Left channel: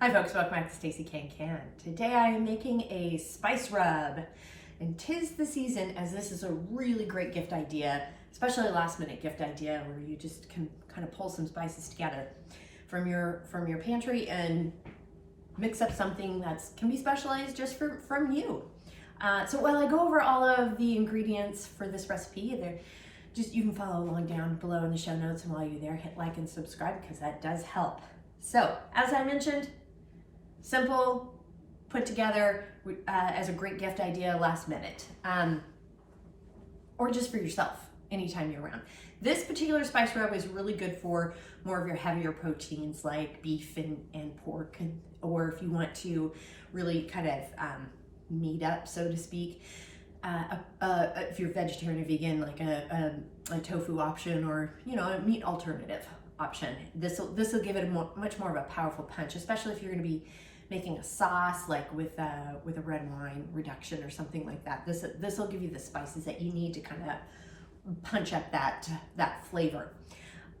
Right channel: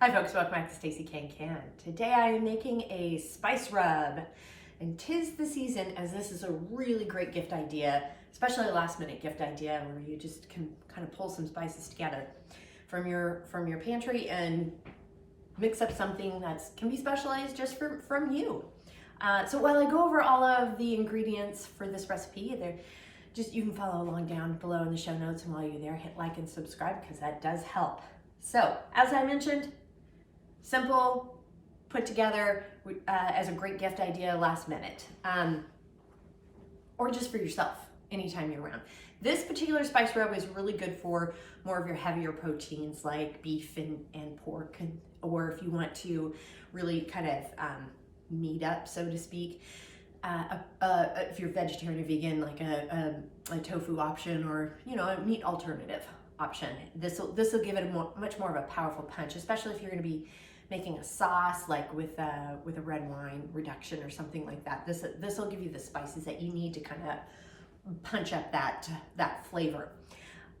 Hi folks, welcome back to Stacey Can. Today I am making a spice rub, and 'tis the season, as this is a really great gift idea, especially a last minute gift idea where you just can kind of pull some spices together from your pantry and mix up something that can be specialized just from you. So while I go over all of the ingredients for this recipe, you can follow along down below in the show notes, and while you're there, hit like and subscribe because that does help. So as I mentioned, simple, put together as a great gift idea last minute, or just for yourself anytime you're around. This particular spice rub is really good for more of your heavier proteins like beef and pork, or if you want to really kind of meat up, so to speak. If you're vegetarian or vegan, like a tofu option, or a meat alternative option, this will give it a much more of a powerful punch, especially if you're going to be making a sauce like with a red wine reduction or something like that. This will give you the spices that you need to kind of punch up that flavor.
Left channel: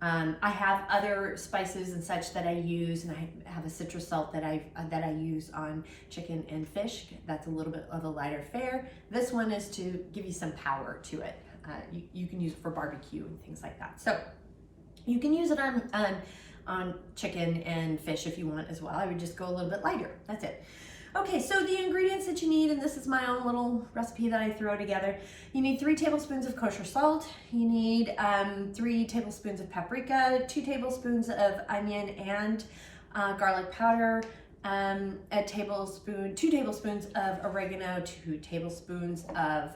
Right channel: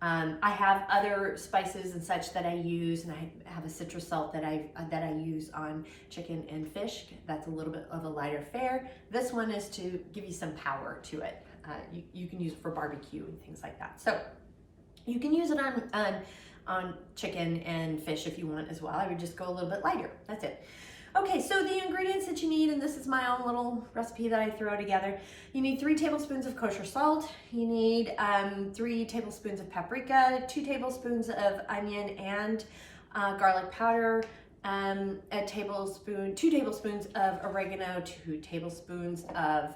I have other spices and such that I use, and I have a citrus salt that I use on chicken and fish. That's a little bit of a lighter fare. This one is to give you some power to it. You can use it for barbecue and things like that. So you can use it on chicken and fish if you want as well. I would just go a little bit lighter. That's it. Okay, so the ingredients that you need, and this is my own little recipe that I throw together. You need 3 tablespoons of kosher salt. You need 3 tablespoons of paprika, 2 tablespoons of onion and garlic powder, 2 tablespoons of oregano, 2 tablespoons of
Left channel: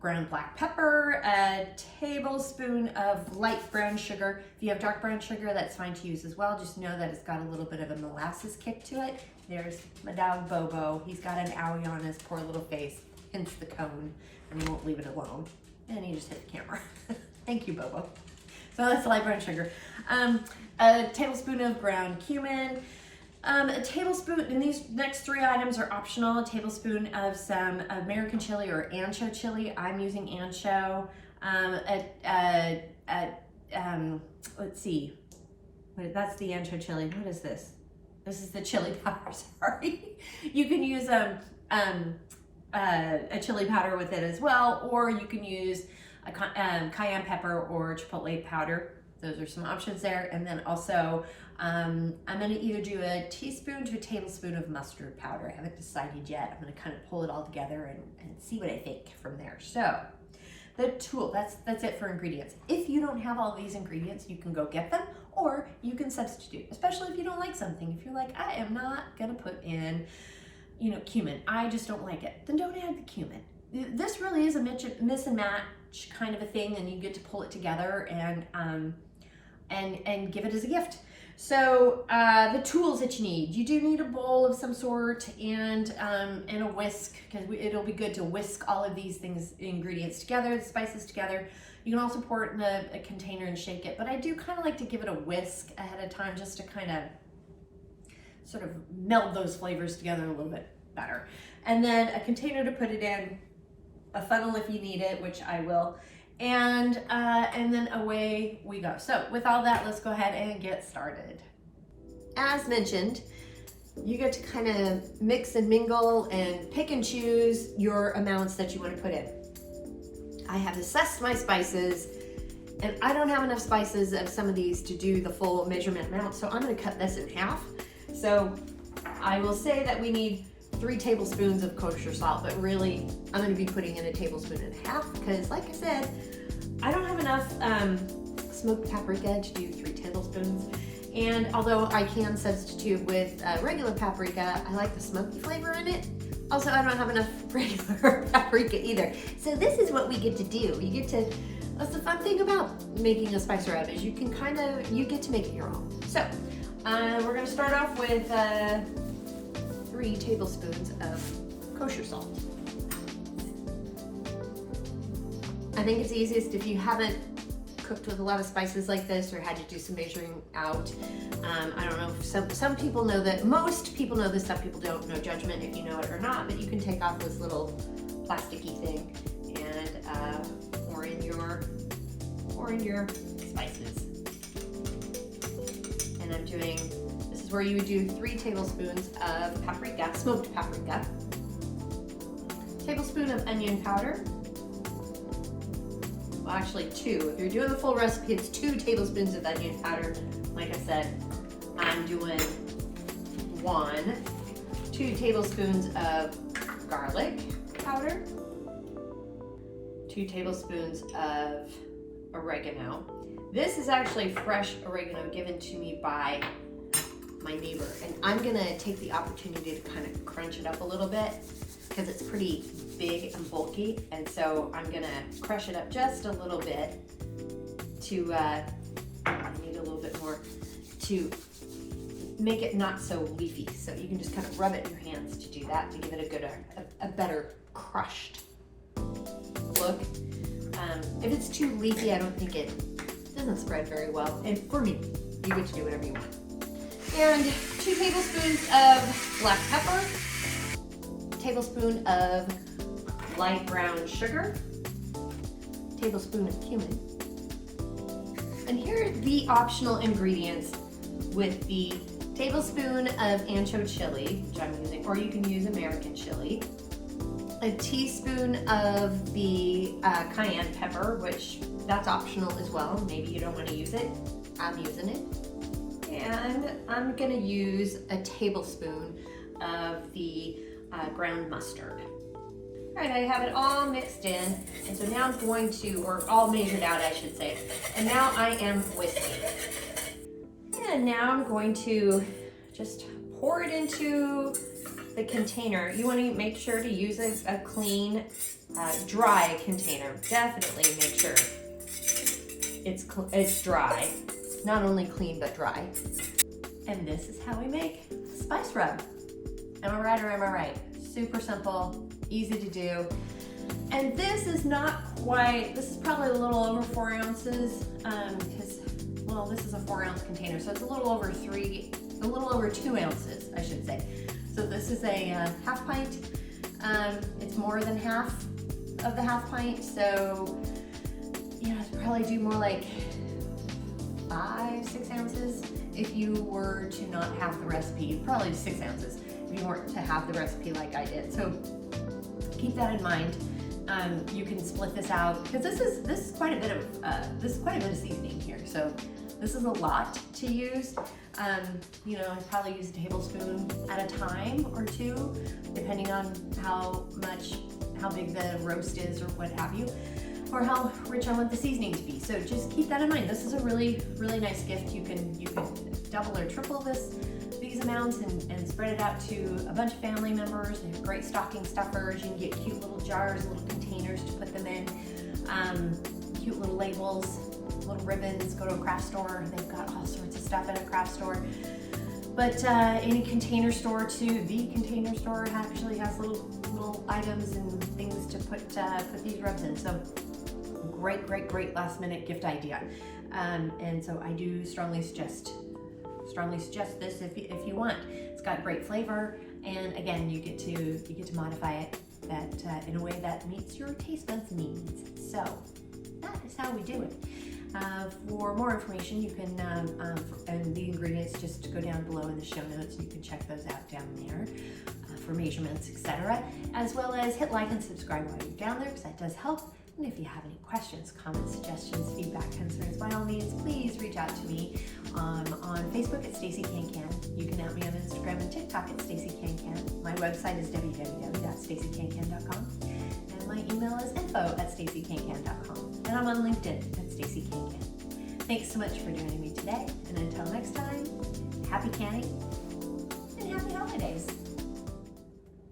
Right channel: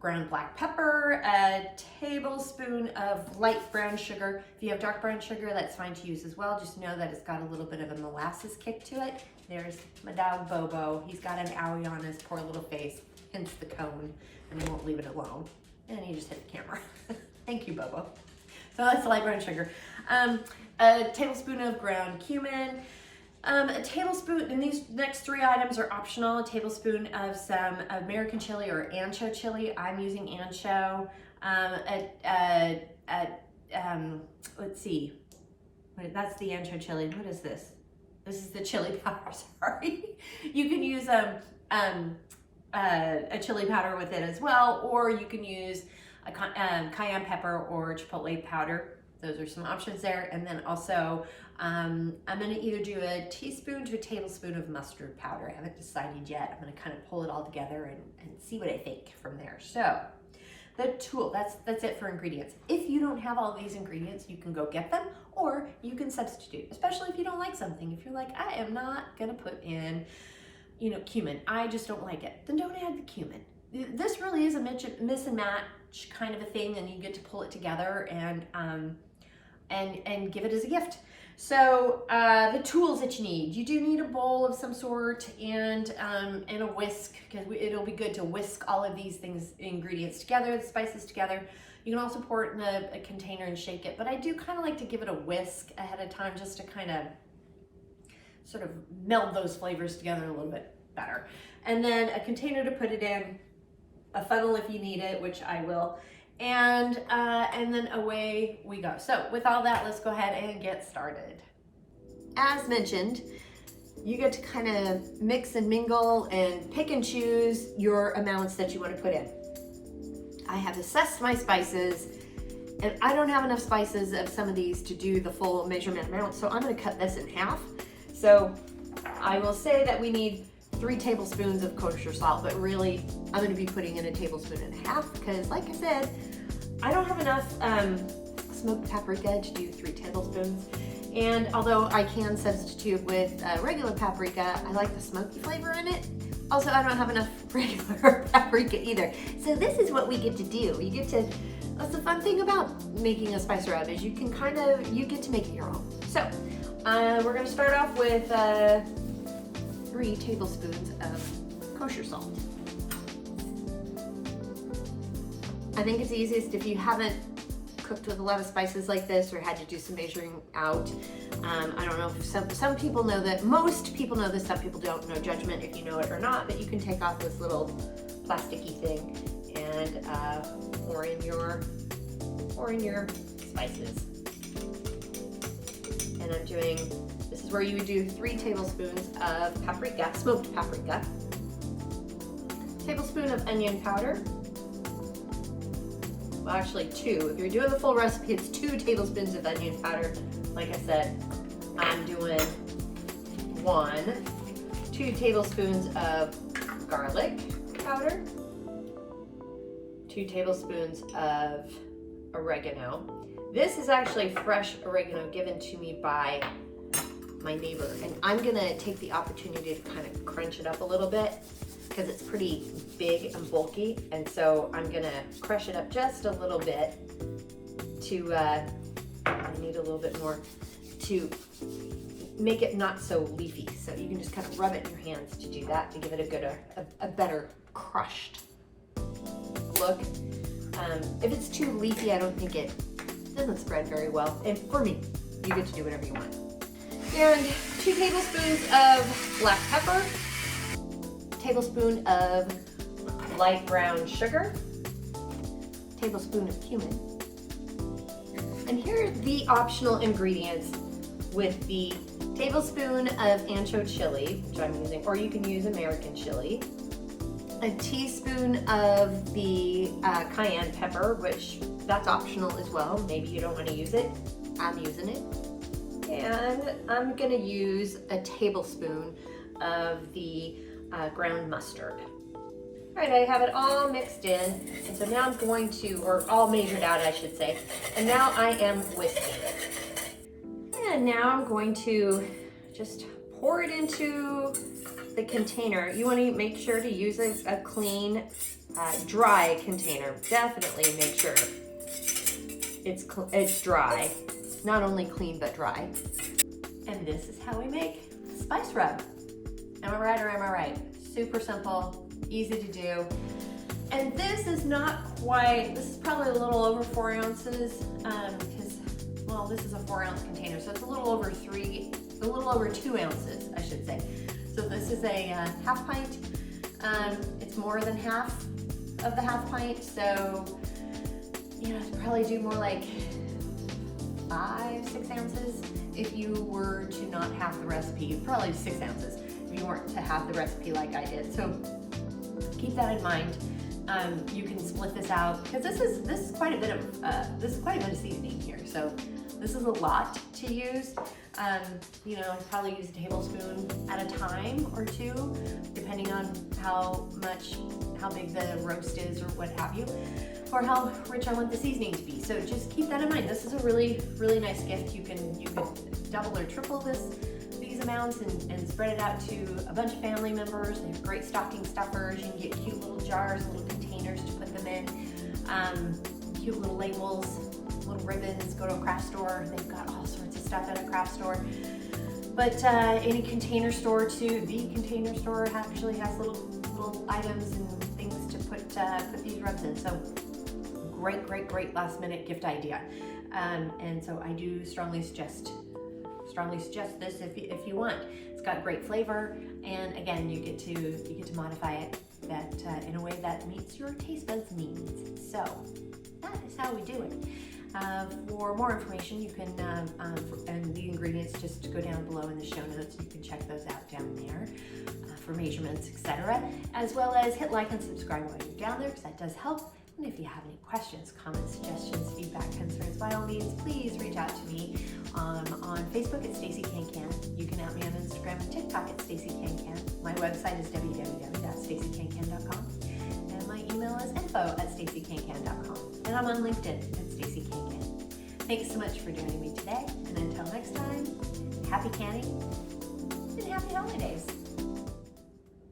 ground black pepper, a tablespoon of light brown sugar. If you have dark brown sugar, that's fine to use as well. Just know that it's got a little bit of a molasses kick to it. There's my dog Bobo. He's got an owie on his poor little face, hence the cone, and he won't leave it alone. And he just hit the camera. Thank you, Bobo. So that's light brown sugar. A tablespoon of ground cumin, a tablespoon, and these next 3 items are optional. A tablespoon of some American chili or ancho chili. I'm using ancho. Let's see. Wait, that's the ancho chili. What is this? This is the chili powder, sorry. You can use a chili powder with it as well, or you can use a cayenne pepper or chipotle powder. Those are some options there. And then also, I'm gonna either do a teaspoon to a tablespoon of mustard powder. I haven't decided yet. I'm gonna kind of pull it all together and see what I think from there. So the tool, that's it for ingredients. If you don't have all these ingredients, you can go get them, or you can substitute, especially if you don't like something. If you're like, I am not gonna put in, cumin, I just don't like it, then don't add the cumin. This really is a miss and match kind of a thing, and you get to pull it together and give it as a gift. So the tools that you need, you do need a bowl of some sort and a whisk, because it'll be good to whisk all of these ingredients together, the spices together. You can also pour it in a container and shake it, but I do kind of like to give it a whisk ahead of time just to kind of sort of meld those flavors together a little bit better. And then a container to put it in, a funnel if you need it, which I will. And then away we go. So with all that, let's go ahead and get started. As mentioned, you get to kind of mix and mingle and pick and choose your amounts that you want to put in. I have assessed my spices, and I don't have enough spices of some of these to do the full measurement amount, so I'm going to cut this in half. So I will say that we need 3 tablespoons of kosher salt, but really I'm going to be putting in a tablespoon and a half because, like I said, I don't have enough smoked paprika to do 3 tablespoons. And although I can substitute with regular paprika, I like the smoky flavor in it. Also, I don't have enough regular paprika either. So this is what we get to do. That's the fun thing about making a spice rub, is you get to make it your own. So we're going to start off with 3 tablespoons of kosher salt. I think it's easiest if you haven't cooked with a lot of spices like this or had to do some measuring out. I don't know if some people know that, most people know this, some people don't. No judgment if you know it or not, but you can take off this little plasticky thing and pour in your spices. And I'm doing, this is where you would do 3 tablespoons of paprika, smoked paprika, tablespoon of onion powder. Well, actually 2. If you're doing the full recipe, it's 2 tablespoons of onion powder. Like I said, I'm doing 1. 2 tablespoons of garlic powder, 2 tablespoons of oregano. This is actually fresh oregano given to me by my neighbor, and I'm gonna take the opportunity to kind of crunch it up a little bit because it's pretty big and bulky, and so I'm gonna crush it up just a little bit to, I need a little bit more to make it not so leafy. So you can just kind of rub it in your hands to do that, to give it a better crushed look. If it's too leafy, I don't think it doesn't spread very well. And for me, you get to do whatever you want. And 2 tablespoons of black pepper, tablespoon of light brown sugar, tablespoon of cumin. And here are the optional ingredients with the tablespoon of ancho chili, which I'm using, or you can use American chili, a teaspoon of the cayenne pepper, which that's optional as well. Maybe you don't want to use it. I'm using it. And I'm gonna use a tablespoon of the ground mustard. All right, I have it all mixed in, and so now I'm going to, or all measured out, I should say, and now I am whisking. And now I'm going to just pour it into the container. You want to make sure to use a clean, dry container. Definitely make sure it's dry. Not only clean, but dry. And this is how we make a spice rub. Am I right or am I right? Super simple, easy to do. And this is not quite, this is probably a little over 4 ounces, because, well, this is a 4-ounce container, so it's a little over 2 ounces, I should say. So this is a half pint. It's more than half of the half pint, so you know, it's probably do more like 5-6 ounces. If you were to not have the recipe, probably 6 ounces if you weren't to have the recipe like I did. So keep that in mind. You can split this out because this is quite a bit of seasoning here. So this is a lot to use. You know, I probably use a tablespoon at a time or 2, depending on how big the roast is or what have you, or how rich I want the seasoning to be. So just keep that in mind. This is a really, really nice gift. You can double or triple these amounts and spread it out to a bunch of family members. They have great stocking stuffers. You can get cute little jars, little containers to put them in, cute little labels, little ribbons. Go to a craft store. They've got all sorts of stuff at a craft store. But any container store too, the container store actually has little items and things to put these rubs in. So great last minute gift idea. And so I do strongly suggest this if you want. It's got great flavor, and again, you get to modify it in a way that meets your taste buds needs. So that is how we do it. For more information, you can and the ingredients, just go down below in the show notes. You can check those out down there for measurements, etc. As well as hit like and subscribe while you're down there, because that does help. And if you have any questions, comments, suggestions, feedback, concerns, by all means, please reach out to me on Facebook at Stacey Can. You can at me on Instagram and TikTok at Stacey Can. My website is www.staceycancan.com, and my email is info@staceycancan.com. And I'm on LinkedIn at Stacey Can. Thanks so much for joining me today, and until next time, happy canning and happy holidays.